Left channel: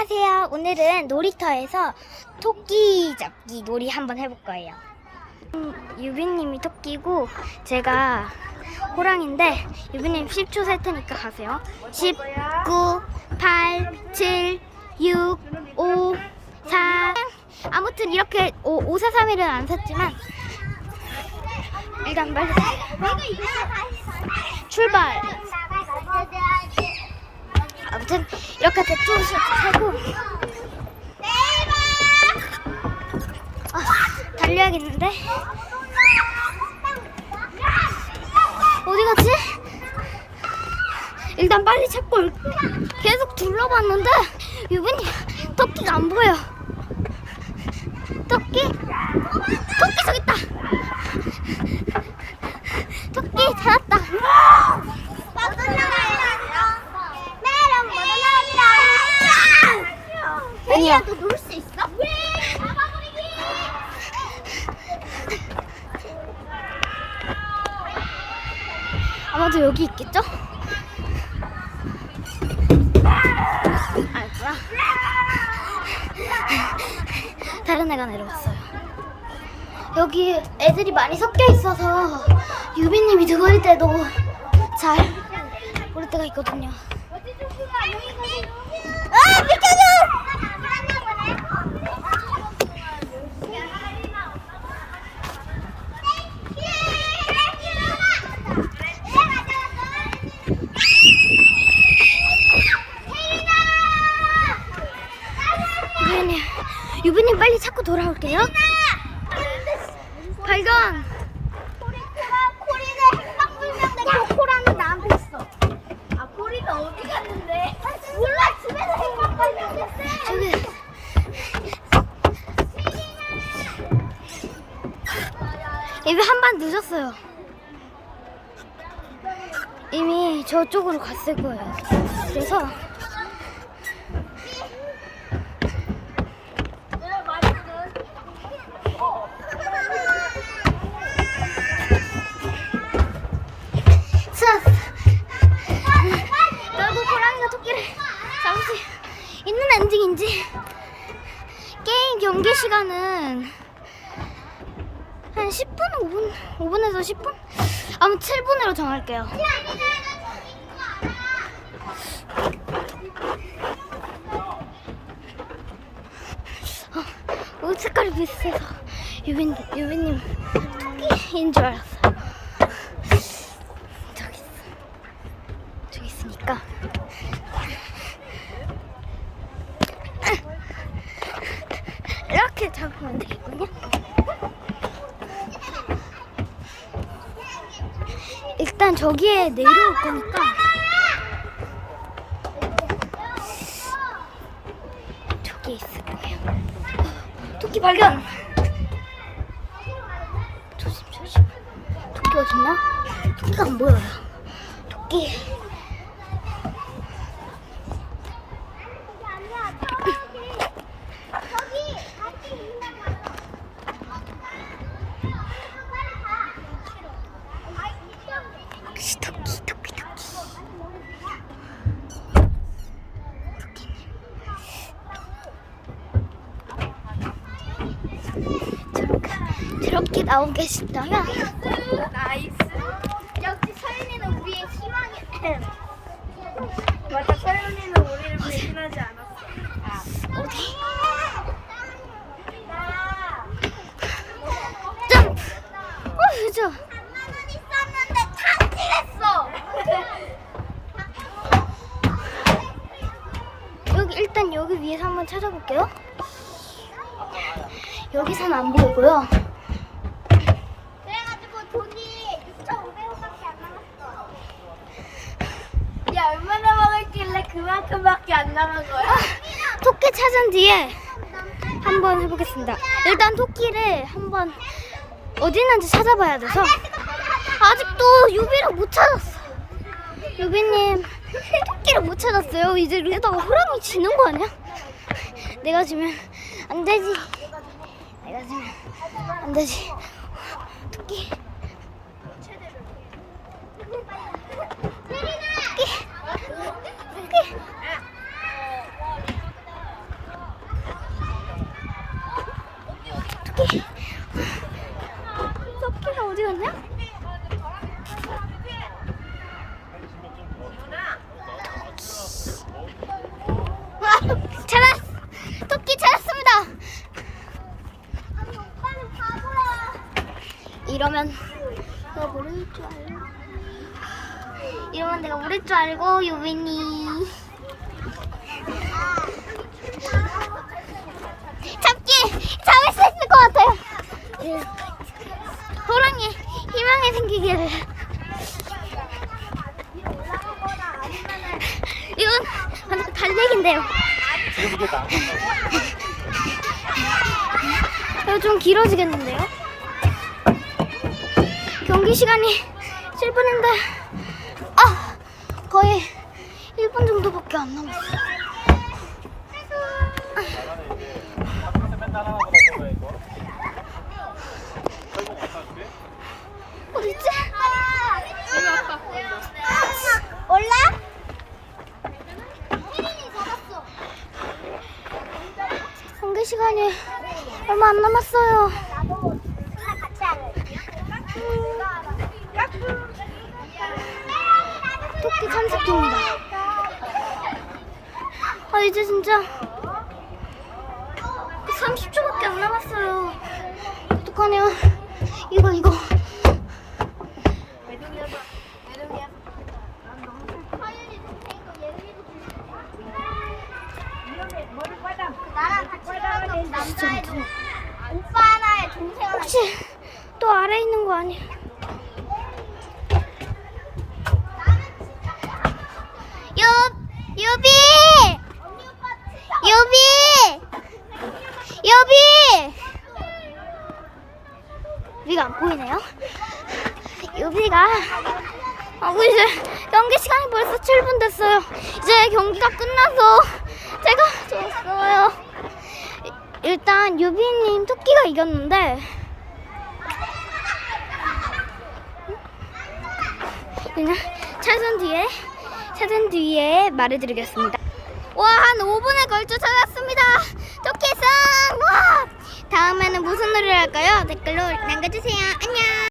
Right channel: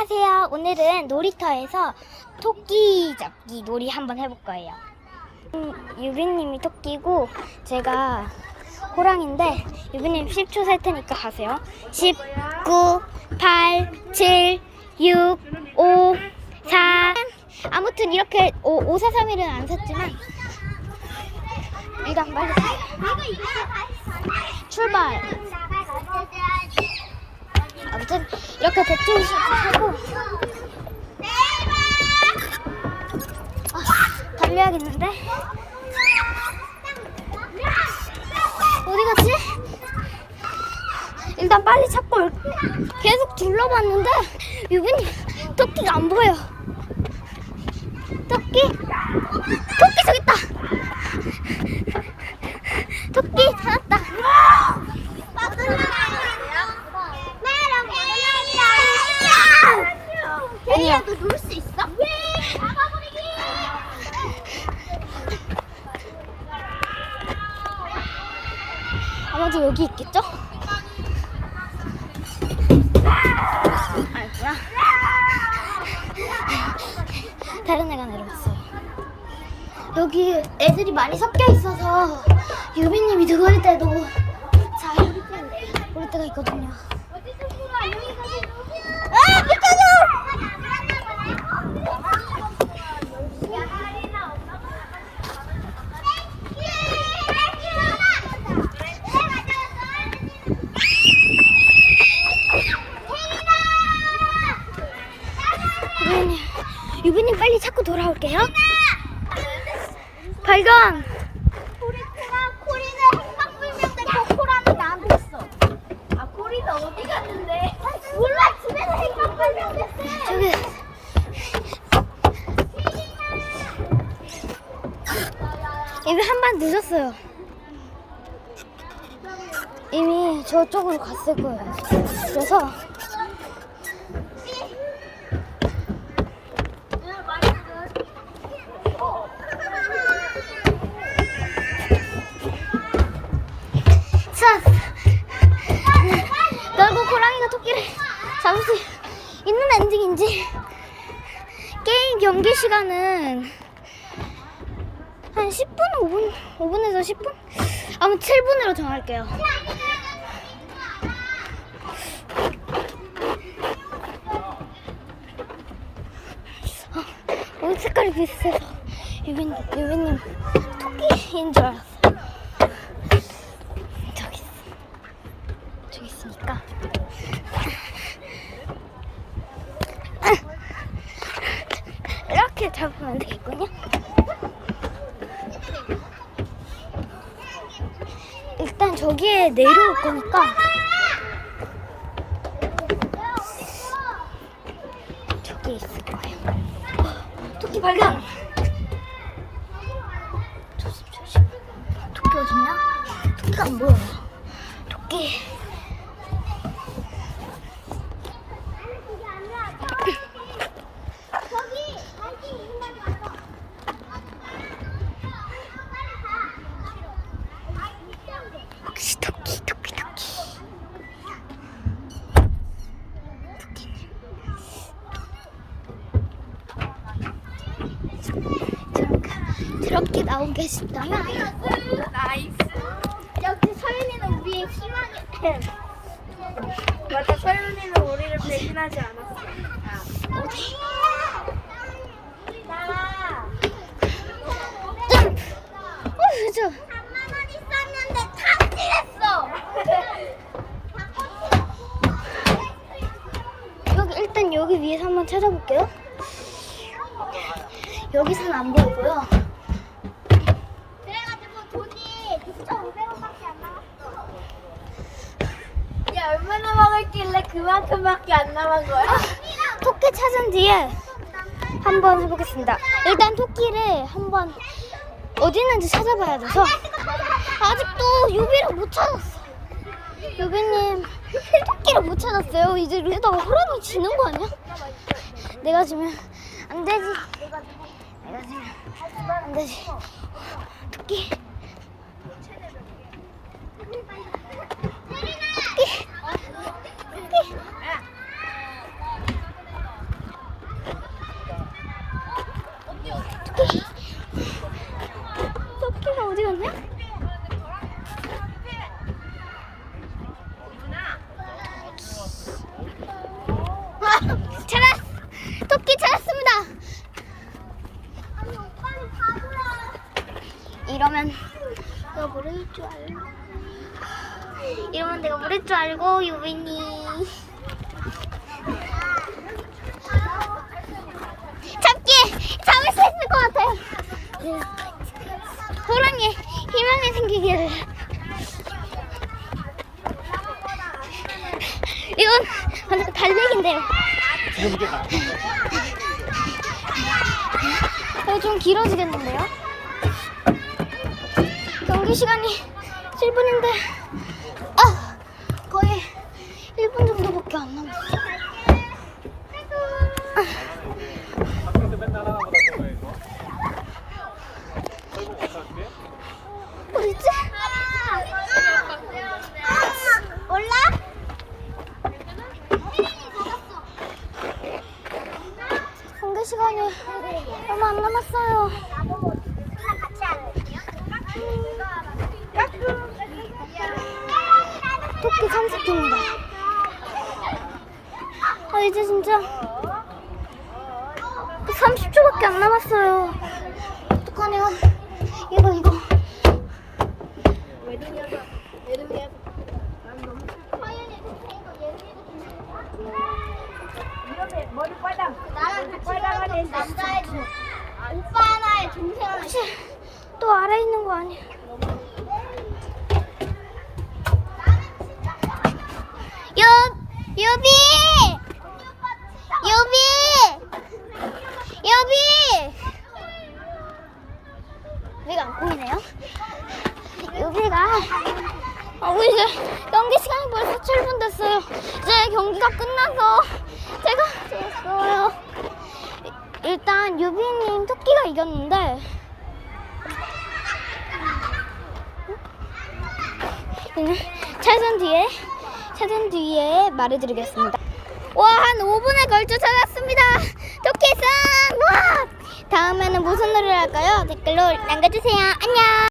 안녕하세요. 오늘은 놀이터에서 토끼 잡기 놀이 한번 해볼 거예요. 음, 유빈님이 토끼고 제가 호랑인데 유빈님 10초 셀 테니까 가세요. 10, 9, 8, 7, 6, 5, 4. 아무튼 이렇게 5, 5 4, 3, 1은 안 샀지만 일단 빨리. 출발. 아무튼 이렇게 대충 하고. 아, 달려야겠는데? 어디 갔지? 일단 빨리 찾고 올- 계속 둘러봤는데 유빈이 토끼가 안 보여. 토끼? 토끼 저기 있다. 토끼 찾았다 아니야. 너수 있어? 아마도 여기 있겠죠? 아니구나. 다른 애가 내려왔어요. 여기 애들이 많이 섞여 있어서 유빈님이 들어올 때도 잘 모를 때가 있거든요. 아, 비켜줘! 유빈님, 유빈님 빨리 돌아올게요. 발견! 코리코라 코리는 행방불명된 저 코라는 나한테 있어. 아 코리는 어디 갔는데? 몰라 집에서 행방불명됐어. 저기. 이미 한 번 늦었어요. 이미 저쪽으로 갔을 거예요. 그래서 수 있는 엔딩인지 게임 경기 시간은 한 10분, 5분, 5분에서 10분? 아무 7분으로 정할게요. 어, 옷 색깔이 비슷해서 유빈, 유빈님 토끼인 줄 알았어요. 잡으면 되겠군요. 일단 저기에 내려올 거니까 저기 있을 거예요. 어, 토끼 발견. 조심 조심. 토끼 어딨냐? 토끼가 안 보여요. 토끼. 저기 갈치 있는 날 가서. 혹시 토끼 토끼 토끼. 토끼님. 저렇게 저렇게 나오고 계신다면 나이스. 역시 서윤이는 우리의 희망이. 맞아 서윤이는 우리를 배신하지 않았어. 어디? 점프. 어, 그죠? 3만 원 있었는데 탕진했어. 여기 일단 여기 위에서 한번 찾아볼게요. 여기선 안 보이고요. 그래가지고 돈이 6,500원밖에 안 남았어. 야 얼마나 먹을길래 그만큼밖에 안 남은 거야? 아, 토끼 찾은 뒤에 한번 해보겠습니다. 일단 토끼를 한번 어디 있는지 찾아봐야 돼서 아직도 유비를 못 찾았어. 유비님 토끼를 못 찾았어요. 이제 이러다가 호랑이 지는 거 아니야? 내가 지면 안 되지. 내가 지면 안 되지. 토끼. 토끼. 토끼. 토끼. 토끼가 어디 갔냐? 잘했어. 이러면 내가 모를 줄 알고 이러면 내가 모를 줄 알고 유빈이 잡기! 잡을 수 있을 것 같아요 호랑이 희망이 생기기를 이건 완전 달리기인데요 지금 이게 다. 이거 좀 길어지겠는데요? 경기 시간이 7분인데 아 거의 1분 정도밖에 안 남았어. 몰라? 경기 시간이 얼마 안 남았어요. 토끼 30분입니다. 아 이제 진짜 30초밖에 안 남았어요. 어떡하냐? 이거 이거. 나랑 같이 있는 남자애 중 오빠 하나에 동생 하나 혹시 또 아래 있는 거 아니야? 여 여비 여비 여비 여비가 안 보이네요. 여비가 아 우리 이제 경기 시간이 벌써 7분 됐어요. 이제 경기가 끝나서 제가 졌어요. 일단 유빈님 토끼가 이겼는데 그냥 차선 뒤에 차선 뒤에 말해드리겠습니다. 와 한 5분에 걸쳐 찾았습니다. 토끼상 와 다음에는 무슨 노래를 할까요? 댓글로 남겨주세요. 안녕.